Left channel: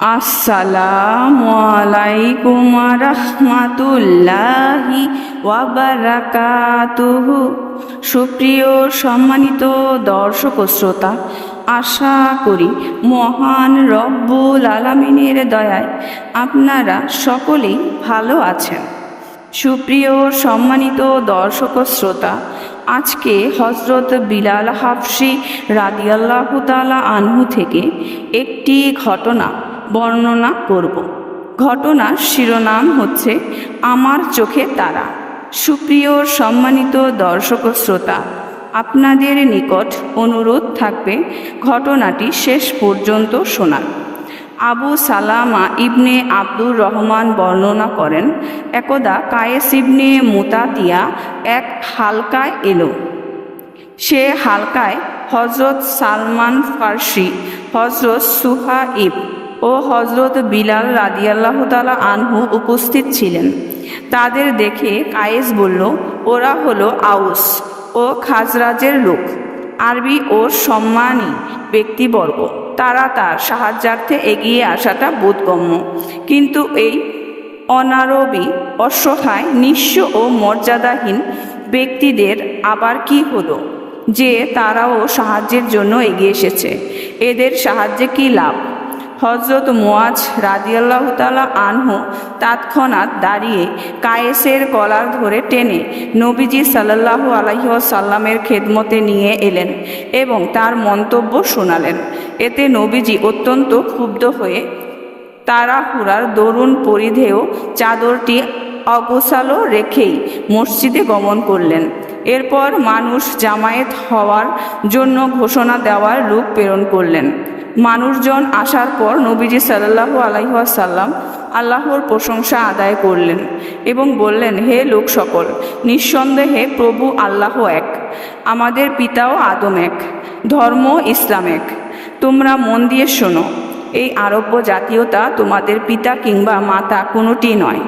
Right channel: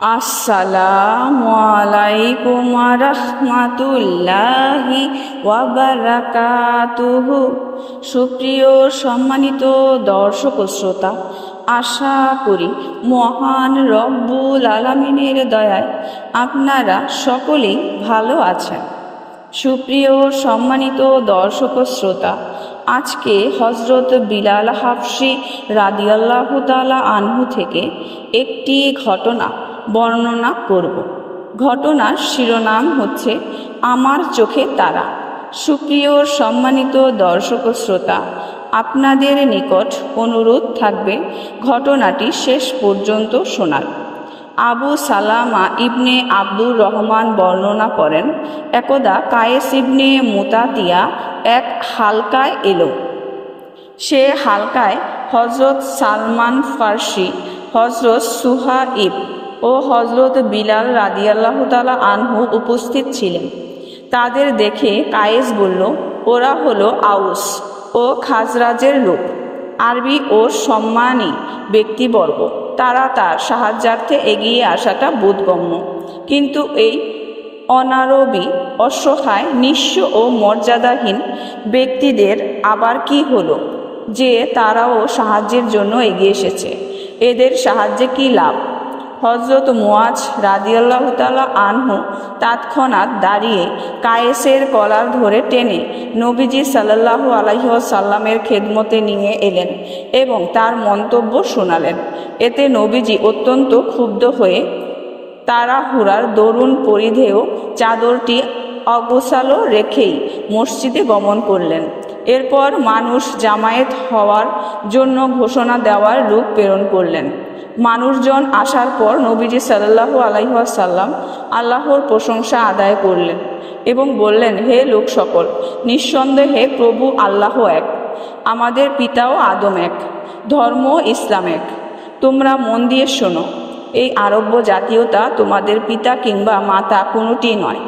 আসসালামু আলাইকুম রহমাতুল্লাহি ওয়াবারাকাতুহু সুপ্রিয় সম্মানিত দর্শক শ্রোতা, আশা করি মহান রব্বুল আলমিনের দয়ায় আপনারা সকলেই ভালো আছেন। সুপ্রিয় সম্মানিত দর্শক শ্রোতা, আজকে হজরত বিলাল হাফসি রাদিয়াল্লাহ তালা আনহু থেকে একটি ঘটনা বর্ণনা করব। ঘটনার শিরোনাম হচ্ছে আমার চোখে তারা। সুপ্রিয় সম্মানিত দর্শক শ্রোতা, আপনাদের নিকট অনুরোধ থাকবে ঘটনাটি শেষ পর্যন্ত শোনার। আবু সালামা ইবনে আব্দুর রহমান বর্ণনা করেন, একদা কায়েস ইবনে মুতাতিয়া এক হালকায় এলো। সে হালকায় হজরত সালমান ফার্সি হজরত সুহাইব ও হজরত বিলাল রাদিয়াল্লাহ তালা আনহু উপস্থিত ছিলেন। তাদের দেখে কায়েস বলল, ওরা হলো আউস ও খাজরাজের লোক। আরবি ও সম্মানী ব্যক্তিবর্গ, তারা তার সাহায্যার্থে এগিয়ে আসাটা বোধগম্য। কিন্তু এই অনারবি, অসহায়, নিঃস্ব ও মর্যাদাহীন ব্যক্তিদের আবার কি হলো? যে তারাও সাহায্যের জন্য এগিয়ে এসেছে। এদের সাহায্যে কি লাভ? হজরত মোয়াজ রাদিয়াল্লাহ তালা আনহু তৎক্ষণাৎ দাঁড়িয়ে কায়েসের কলার ধরে টেনে নবীজি সাল্লাহু আলহিসাল্লামের খেদমতে নিয়ে এলেন এবং তার মন্তব্য শোনালেন। এতে নবীজি অত্যন্ত ক্ষুব্ধ হয়ে তাড়াহুড়ার দরুণ পরিধেয় চাদরটি অগোছালো রেখেই মসজিদে গমন করলেন। এরপর মানুষ জামায়াত হওয়ার জন্য ঘোষণা দেওয়ার রূপ প্রেরণ করলেন। মানুষজন আসার পর নবীজি সাল্লাহু আলাইসাল্লাম আল্লাহর প্রশংসা আদায় করলেন এবং বললেন, হে লোক সকল, নিঃসন্দেহে প্রভু আল্লাহ এক, আমাদের পিতাও আদম এক, ধর্ম ইসলাম এক। তোমরা মন দিয়ে শোনো, এই আরব্য জাতীয়তা তোমাদের পিতা কিংবা মাতা কোনোটি নয়।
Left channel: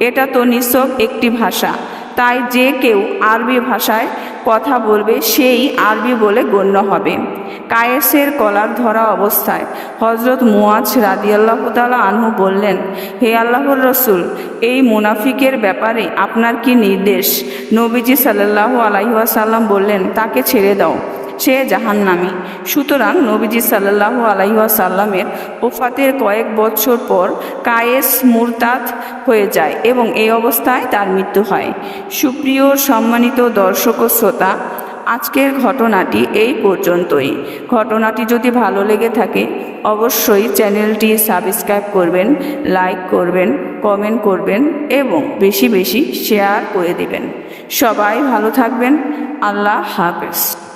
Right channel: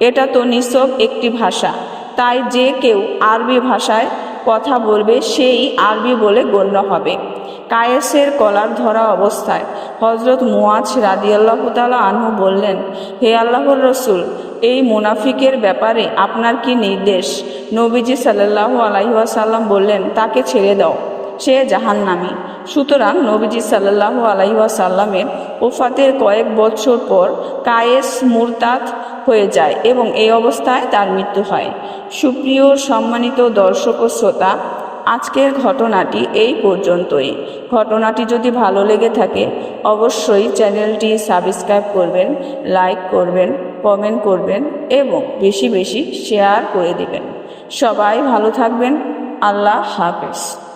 এটা তো নিঃসব একটি ভাষা, তাই যে কেউ আরবি ভাষায় কথা বলবে, সেই আরবি বলে গণ্য হবে। কায়েসের কলার ধরা অবস্থায় হজরত মুয়াজ রাদিয়াল্লাহ তালা আনহু বললেন, হে আল্লাহর রসুল, এই মুনাফিকের ব্যাপারে আপনার কি নির্দেশ? নবীজি সাল্লাহ আলাইসাল্লাম বললেন, তাকে ছেড়ে দাও। সে জাহান্নামি। সুতরাং নবীজি সাল্লাহ আলাইসাল্লামের ওফাতের কয়েক বছর পর কায়েস মুরতাদ হয়ে যায় এবং এই অবস্থায় তার মৃত্যু হয়। সুপ্রিয় সম্মানিত দর্শক ও শ্রোতা, আজকের ঘটনাটি এই পর্যন্তই। ঘটনাটি যদি ভালো লেগে থাকে, অবশ্যই চ্যানেলটি সাবস্ক্রাইব করবেন, লাইক করবেন, কমেন্ট করবেন এবং বেশি বেশি শেয়ার করে দিবেন। সবাই ভালো থাকবেন। আল্লাহ হাফেজ।